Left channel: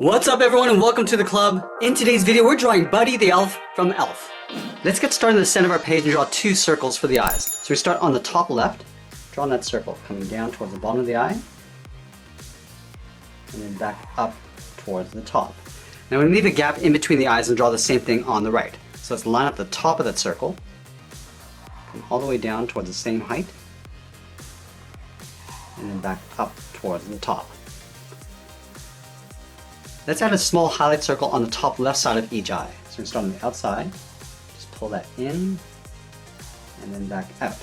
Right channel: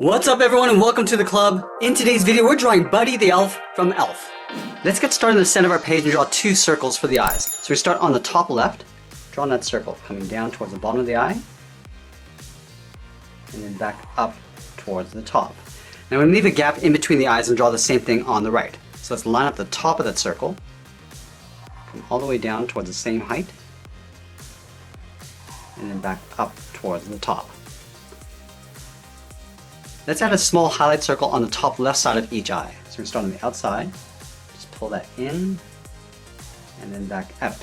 What's up everyone and welcome to the club. In today's video we're drawing Buddy the Elf from Elf. Let's get started in the center of our page and draw two circles for the eyes. So we start on the top left, drawing that circle, coming down towards the bottom of the eye, and then back up towards the top. Now we leave a gap in between the eyes and draw the same thing on the right. So let's line up the top of that circle, come all the way down towards the same height, and then back up towards the top. Let's add a small highlight circle on the top left side of each eye. So we're going to start on the outside, just pull that in, and then back out.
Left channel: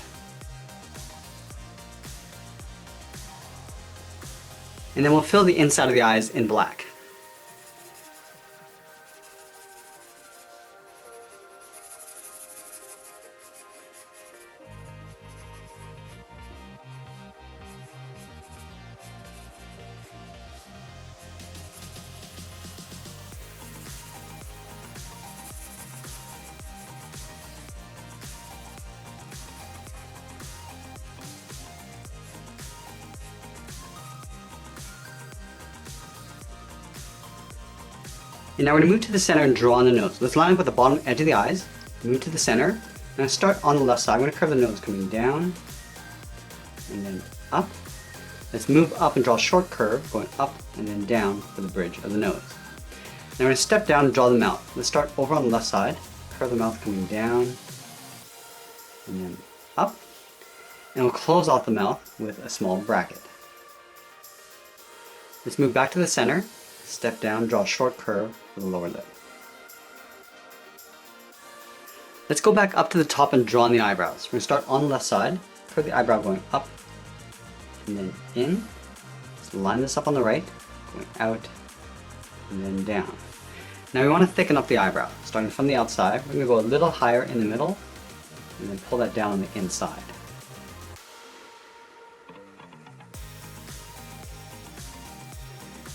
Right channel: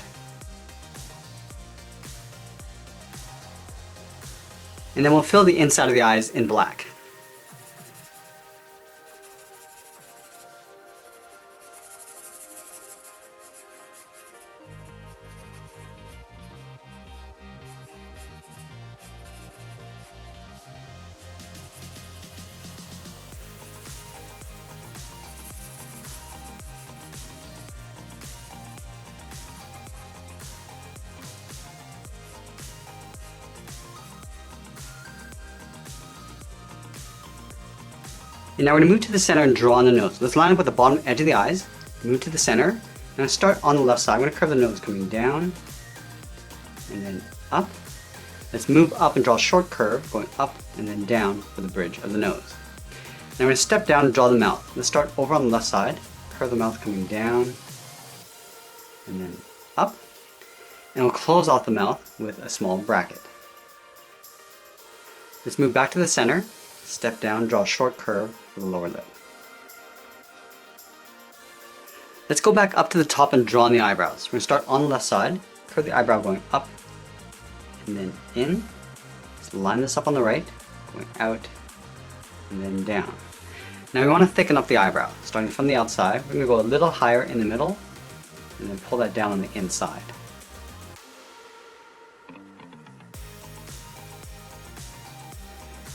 And then we'll fill the inside of the eyes in black. And now we're going to move to the center and draw on the nose. Let's line up with the bottom edge of the eyes, move to the center, and start on the left side. I'm going to curve the nose coming down, and then up. Let's move up and draw a short curve, going up and then down for the bridge of the nose. Now we're going to step down and draw the mouth. Let's start over on the left side, curve the mouth coming down, and then up. And we'll close off the mouth with a small bracket. Let's move back to the center, step down and draw a short curve for the lower lip. Let's go back up to the top and draw on the eyebrows. We're going to start on the left side, curve the eyebrow going up and then in. Let's line this up on the right, going out and then down. Now we want to thicken up the eyebrow. Starting from the outside, we're going to go a little higher in the middle and then pull that down on the inside.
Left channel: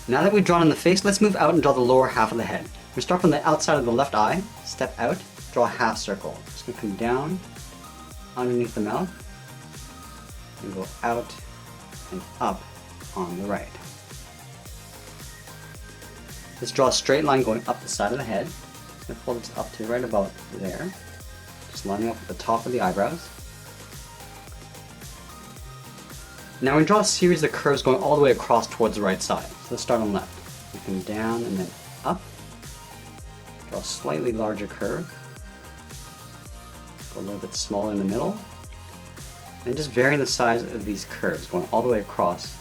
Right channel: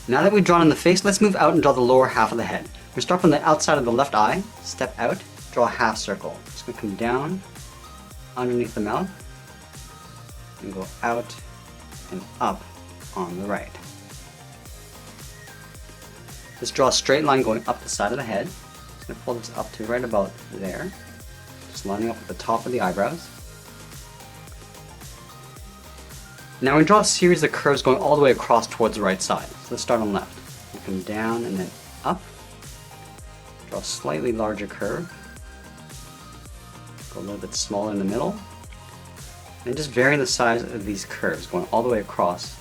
Now that we've drawn on the face, let's move out and draw the lower half of the head. We're start from the outside of the left eye, step out, draw a half circle. Just going to come down underneath the mouth and go out and up on the right. Let's draw a straight line going up the side of the head. Just going to pull this up to right about there. Just lining up at the top of the eyebrows. Now we're going to draw a series of curves going all the way across towards the right side. So let's start on left. We come down and then up. Draw a slightly larger curve. Go a little bit smaller in the middle. And just vary the size of these curves going all the way across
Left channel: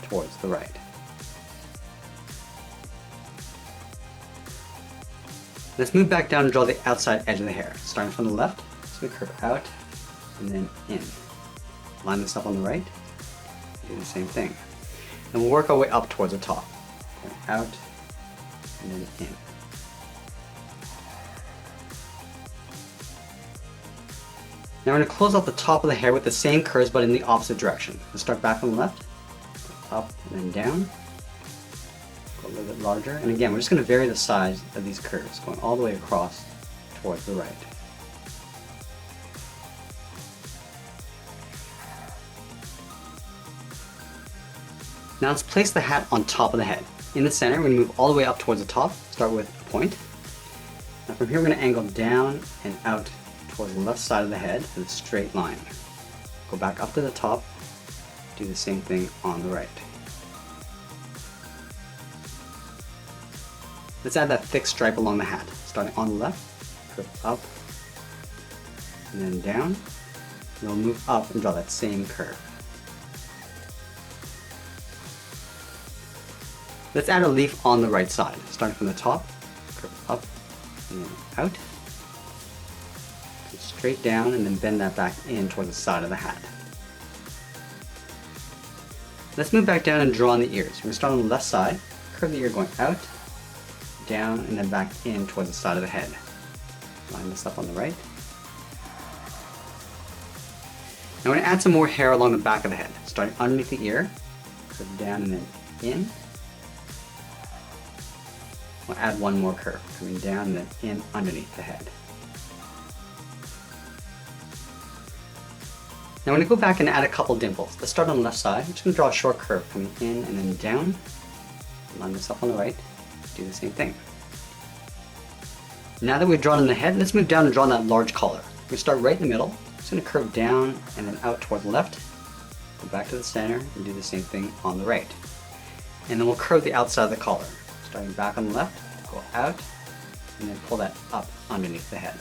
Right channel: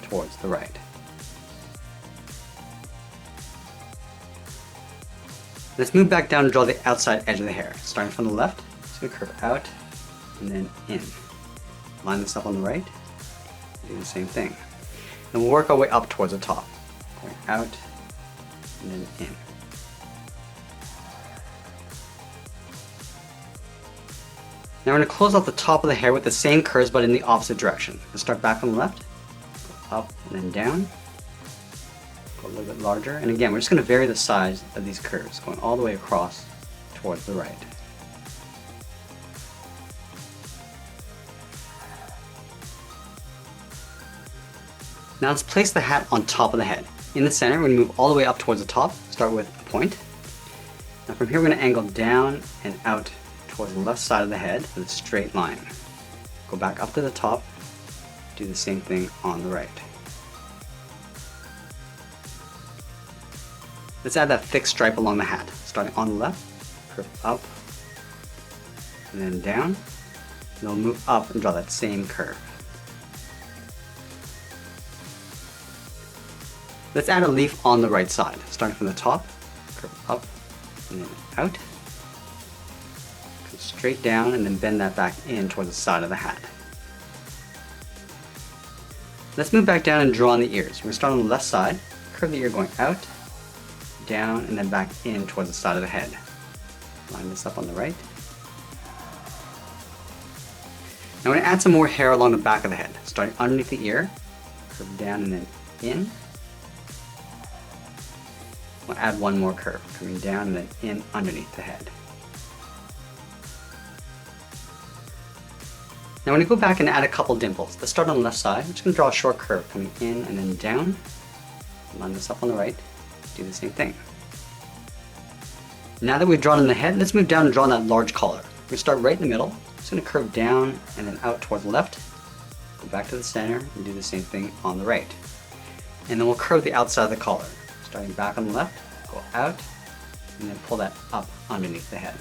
towards the right. Let's move back down and draw the outside edge of the hair. Starting from the left, so we curve out and then in. Line this up on the right. Do the same thing. And we'll work our way up towards the top. Going out and then in. Now we're going to close off the top of the hair with the same curves but in the opposite direction. Let's start back from the left, go up and then down, go a little bit larger, and again we're just going to vary the size of these curves, going all the way across towards the right. Now let's place the hat on top of the head. In the center, we're going to move all the way up towards the top, start with a point. Now from here we're going to angle down and out towards the left side of the head with a straight line. Go back up to the top, do the same thing on the right. Let's add that thick stripe along the hat. Starting on the left, curve up, and then down, and then we'll move up and draw that same curve. Let's add a leaf on the right side. Starting from the top, curve up, and then out. Come straight down and then bend that back in towards the side of the hat. Let's move back down and draw on the ears. We're going to start on the left side, curve the ear going out, down, and then back in towards the side of the head. Line this up on the right. Now we're going to add some more hair along the back of the head. Starting underneath the ear, curve down and then in. We'll add one more curve, coming down and then in underneath the head. Now I'm going to go back and add a couple dimples. Let's start on the left side. I'm just going to draw a short curve coming in and then down, Line this up on the right, do the same thing. Now that we've drawn in the head, let's move down and draw that large collar. We start right in the middle. It's going to curve down and then out toward the left. Go back to the center and do the same thing on the right. And then we'll curve the outside of the collar. Starting back on the left, go out, and then pull that up underneath the head.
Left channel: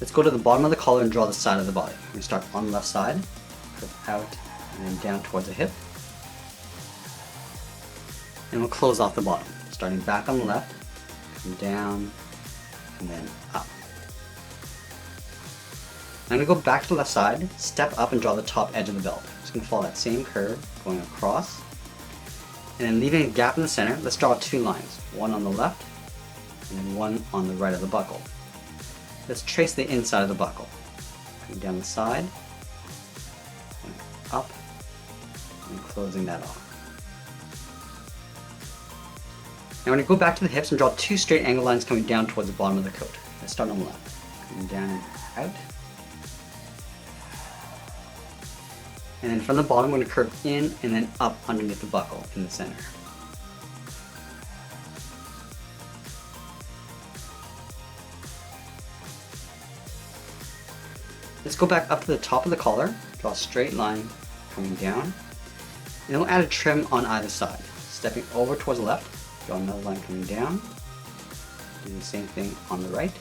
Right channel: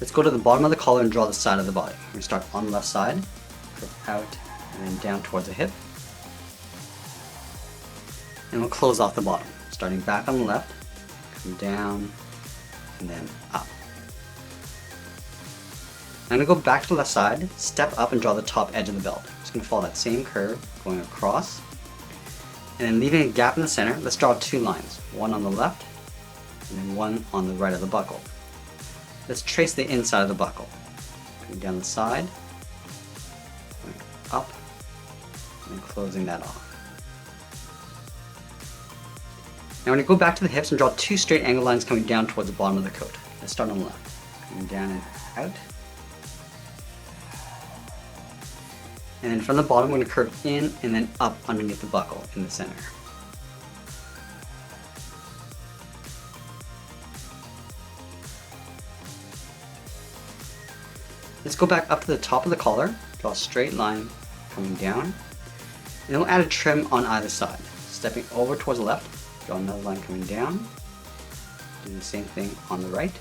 Let's go to the bottom of the collar and draw the side of the body. We're going to start on the left side, curve out, and then down towards the hip. And we'll close off the bottom, starting back on the left, come down, and then up. I'm going to go back to the left side, step up and draw the top edge of the belt. Just going to follow that same curve, going across. And then leaving a gap in the center, let's draw 2 lines. One on the left, and then one on the right of the buckle. Let's trace the inside of the buckle. Going down the side, up, and closing that off. Now we're going to go back to the hips and draw 2 straight angle lines coming down towards the bottom of the coat. Let's start on the left. Coming down and out. And then from the bottom, we're going to curve in and then up underneath the buckle in the center. Let's go back up to the top of the collar, draw a straight line coming down, and then we'll add a trim on either side. Stepping over towards the left, draw another line coming down, do the same thing on the right.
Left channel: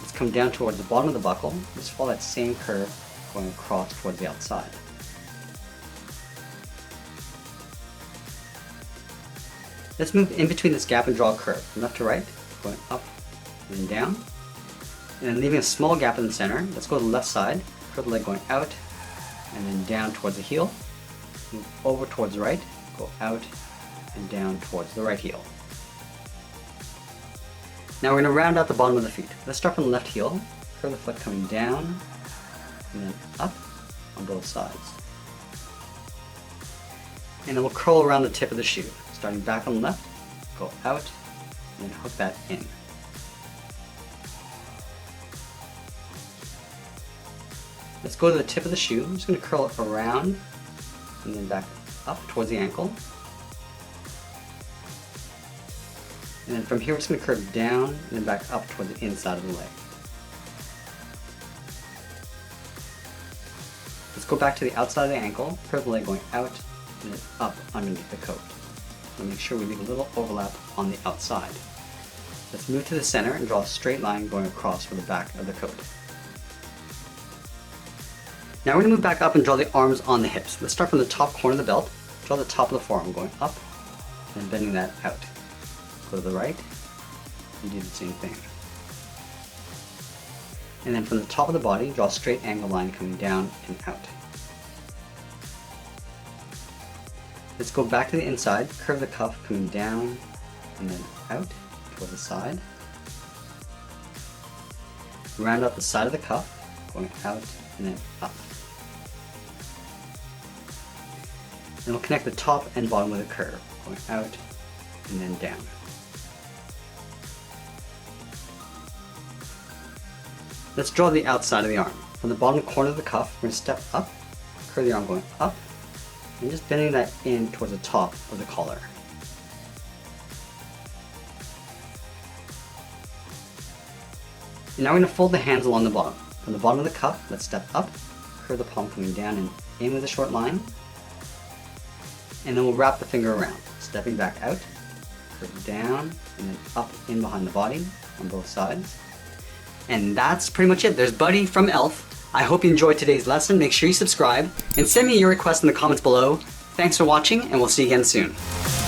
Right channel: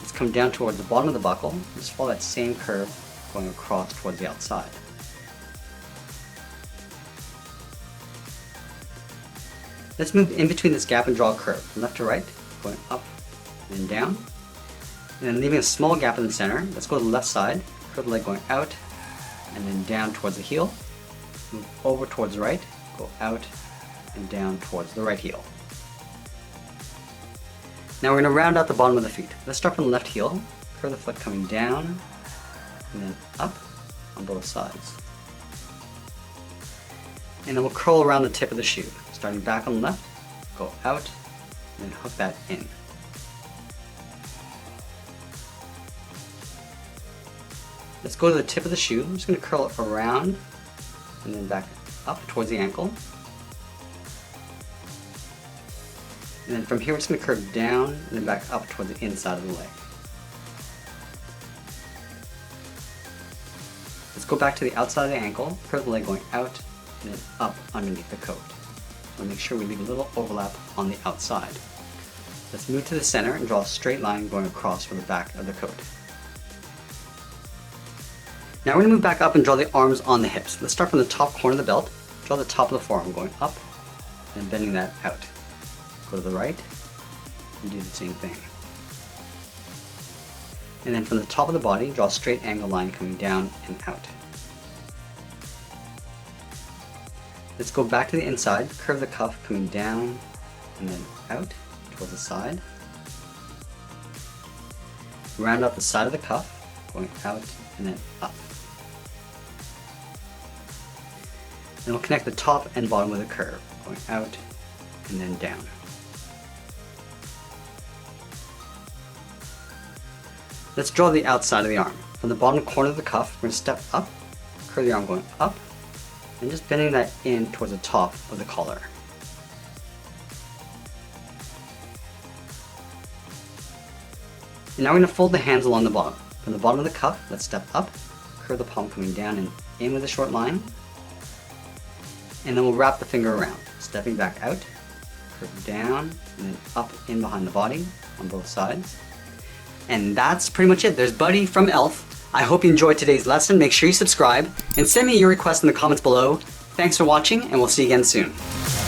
Let's come down towards the bottom of the buckle, just follow that same curve going across towards the outside. Let's move in between this gap and draw a curve, from left to right, going up and then down. And then leaving a small gap in the center, let's go to the left side, curve the leg going out, and then down towards the heel. Move over towards the right, go out, and down towards the right heel. Now we're going to round out the bottom of the feet. Let's start from the left heel, curve the foot coming down, and then up on both sides. And then we'll curl around the tip of the shoe. Starting back on the left, go out, and then hook that in. Let's go to the tip of the shoe. I'm just going to curl it around and then back up towards the ankle. And then from here, we're just going to curve down and then back up toward the inside of the leg. Let's go back to the outside of the ankle, curve the leg going out and then up underneath the coat. And make sure we leave a little overlap on the outside. Let's move to the center and draw a straight line going across for the back of the coat. Now we're going to move back up and draw the arms on the hips. Let's start from the top corner of the belt, draw the top of the forearm going up, and bending that out. Go to the right, and do the same thing. And then from the top of the body, draw a straight angle line coming down and out. Let's go back to the inside, curve the cuff coming down and then out towards the side. Round up the side of the cuff, going out and then up. Then we'll connect the top and bottom with a curve, going out and then down. Let's draw the outside of the arm. From the bottom corner of the cuff, we're going to step up, curve the arm going up, and just bending that in towards the top of the collar. And now we're going to fold the hands along the bottom. From the bottom of the cuff, let's step up, curve the palm coming down and in with a short line. And then we'll wrap the finger around, stepping back out, curve down, and then up in behind the body on both sides. And that's pretty much it. There's Buddy from Elf. I hope you enjoyed today's lesson. Make sure you subscribe and send me your requests in the comments below. Thanks for watching, and we'll see you again soon.